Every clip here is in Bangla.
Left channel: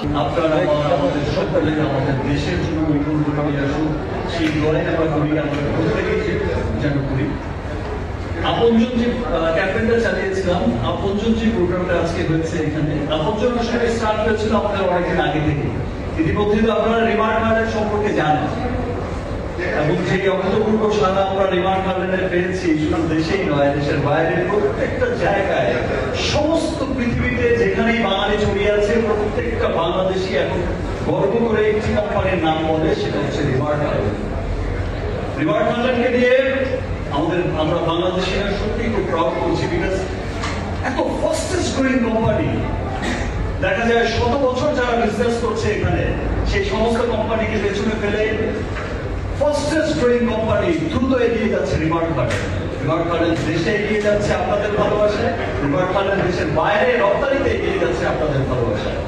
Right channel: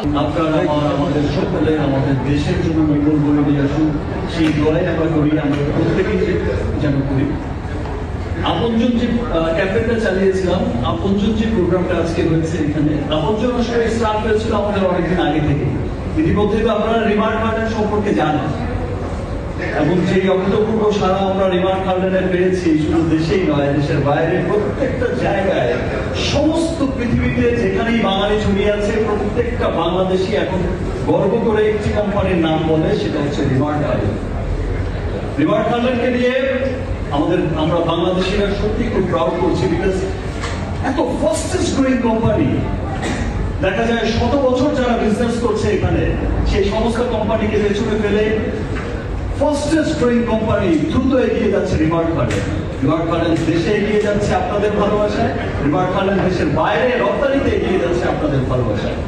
আপনারা আমাদের সকলের আমাদের দেশের জন্য মঙ্গল বলে নিয়ে আসুন, সেই দোয়াই আমরা করি, আমরা প্রত্যেকেই যেন করি। আপনজন যে ক্যাম্পেইনটা চালিয়েছিলাম, আপনজন যে প্রোগ্রামটা আজকে হয়েছে এখানে, আপনজন আসলে স্টার্ট হয়েছিল আমাদের অনেকদিন আগে থেকে। ইতিমধ্যে তো আপনারা রিমার্ক গার্ডেন সম্পর্কে জানেন, এবং যে অভূতপূর্ব সারা আমরা রিমার্ক গার্ডেনে পেয়েছি, শুধু দেশেই নয়, দেশের বাইরে প্রত্যেকটা জায়গায়, সমস্ত পৃথিবীতে যেখানেই বাঙালি ছড়িয়ে আছে, প্রত্যেকটা বাংলাদেশি এখন গর্ব করে একটি কোম্পানির নাম বলে, সেটা হচ্ছে রিমার্ক গার্ডেন। রিমার্ক গার্ডেনকে দিয়ে আমরা বাংলাদেশিরা সত্যি খুব প্রাউড করছি, বিকজ এত ফাস্টেস্ট গ্রোয়িং কোম্পানি, দেখা যায় 100 বছর যারা বিজনেস করছে এখানে, সেই সমস্ত কোম্পানিকে পেছনে ফেলে ফাস্টেস্ট গ্রোয়িং কোম্পানি দ্রুত এগিয়ে যাচ্ছে রিমার্ক গার্ডেন। রিমার্ক গার্ডেন দেশে এগিয়ে যাচ্ছে আপনাদের ভালোবাসায়, রিমার্ক গার্ডেন দেশের বাইরে রপ্তানিতে এগিয়ে যাচ্ছে আপনাদের ভালোবাসায়।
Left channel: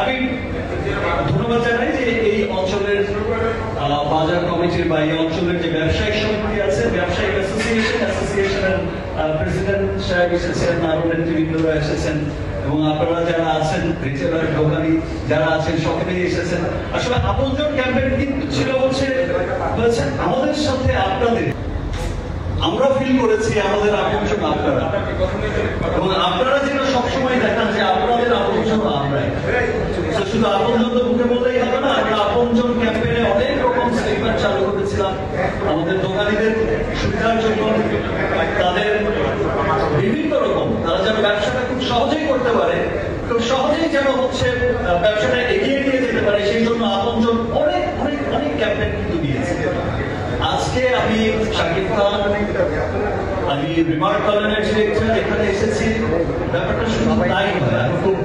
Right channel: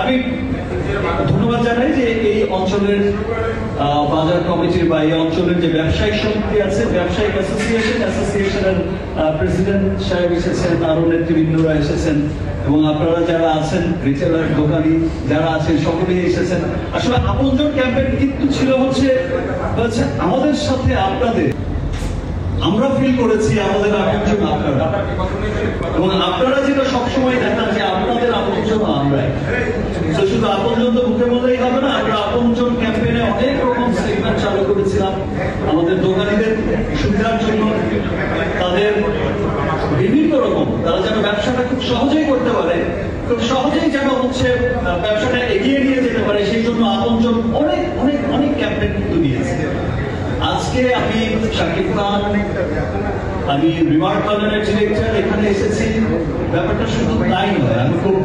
আমি ধন্যবাদ জানাই যে এই অঞ্চলের বাজার কমিটি বা এই অঞ্চলের যে ব্যবসায়িক সমিতি আছে, ব্যবসায়িক অ্যাসোসিয়েশনের প্রেসিডেন্ট সাহেব এসেছেন, আরো নেতৃবৃন্দরা এসেছেন, এবং আপনারা যারা আছেন, রিটেলার দোকানি যারা আছেন, সকলেই এসেছেন। আসলে আপনজন ক্যাম্পেইন কিন্তু ছিল হচ্ছে আমাদের সাথে আপনাদের, আমরা ফিল করেছি আমাদের আপনজন আপনারা, এবং আপনারা যেটা সবসময় দেখান যে আপনাদের আপনজন আমরা। শুধু আপনজন তো মুখে বললেই হবে না, আমরা আপনজন ক্যাম্পেইনে অনেক রকম সেগমেন্ট চালু করেছিলাম আমাদের দোকানিদের সুবিধার জন্য, তাদের বিভিন্ন রকম, তারা যেন ব্যবসাটা খুব সহজেই করতে পারে, খুব সহজেই যেন হচ্ছে ব্যবসাটা এগিয়ে নিয়ে যেতে পারে, সেই জন্য আপনজন অনেক অনেক অনেক ক্যাম্পেইন কিন্তু নিয়েছে। আজকে আমি শাকিব খান, আমি রিমার্ক গার্ডেনের ডিরেক্টর, এখানে এসেছি। ব্যাপারটা শুধু তাই নয়, আমি খুব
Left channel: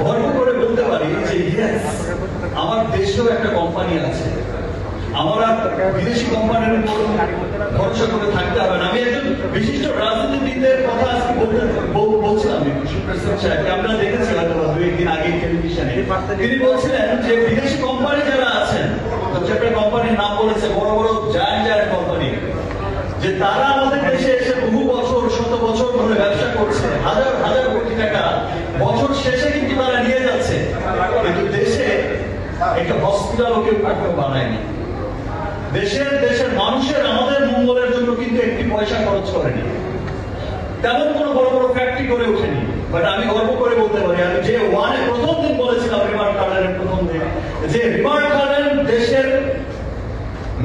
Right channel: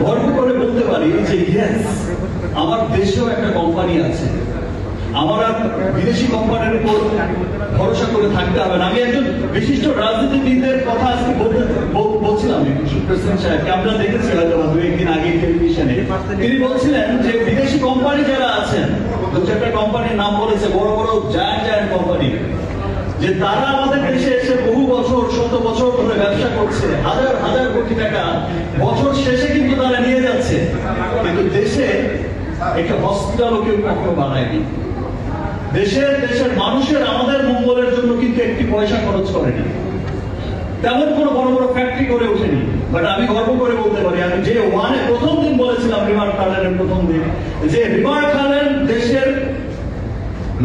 গর্ব করে বলতে পারি যে ইয়েস, আমার দেশেও একটা কোম্পানি আছে। আমরা বিদেশি কোম্পানির উপর ভরসা করে থাকতে হবে না। আমি একজন বিশিষ্ট রাজনীতিবিদের কথা আজকে বলছিলাম প্রেসিডেন্ট সাহেবকে, আমরা দেখেছিলাম 2-1 দিন আগে টেলিভিশনে, তিনি বলছিলেন যে বিদেশি কোম্পানি যারা আছেন, 2-4টা কোম্পানির নাম বলেছে, বড় বড় জায়ান্ট কোম্পানি, যে তারা আমাদের দেশে এসে বহু বছর, 100 বছর ধরে ব্যবসা করছে, হাজার হাজার কোটি টাকা বছর শেষে কিন্তু তারা নিয়ে যাচ্ছে, কিন্তু দেশে একটা হসপিটালও কেউ কখনো বানায়নি। দেশের মানুষের আমাদের মঙ্গলের জন্য কিন্তু একটি পয়সা খরচ করেনি, তেমন কোন বড় বড় ফ্যাক্টরি করে ওঠেনি। বাট আমি গর্ব করে বলতে পারি, আমি যে প্রথম দিন বলেছিলাম রিমার্ক গার্ডেনের প্রথম দিন, যে রিমার্ক গার্ডেন দেশের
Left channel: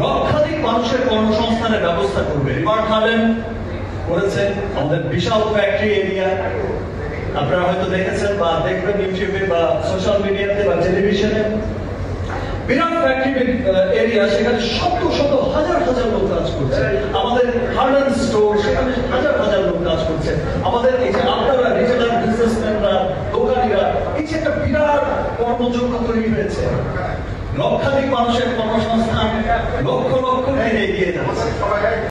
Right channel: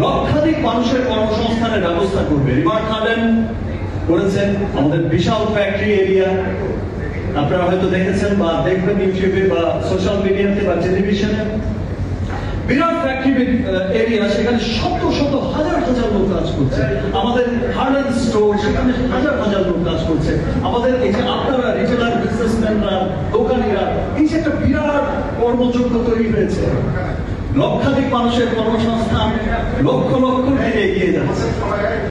লক্ষাধিক মানুষের কর্মসংস্থানের ব্যবস্থা করবে। রিমার্ক গার্ডেন করেছে আমাদের বিশাল ফ্যাক্টরি এরিয়া, আপনারা হয়তো দেখেছেন বা দেখবেন ইউটিউবে বা সোশ্যাল মিডিয়াতে বা টেলিভিশনে, বিরাট ফ্যাক্টরি এরিয়া, সেখানে শত শত হাজার হাজার লোক কাজ করছে। আমাদের গার্ডেন স্টোর, সেখানে হাজার হাজার লোক কাজ করছে। আমাদের এই যে আপনারা রিটেলার বিজনেসম্যানরা, দোকানিরা, এই যে একটা বিরাট কর্মযোগ্য তৈরি হয়েছে, লক্ষাধিক মানুষের কর্মসংস্থান লক্ষ লক্ষ থেকে এগিয়ে যাচ্ছে।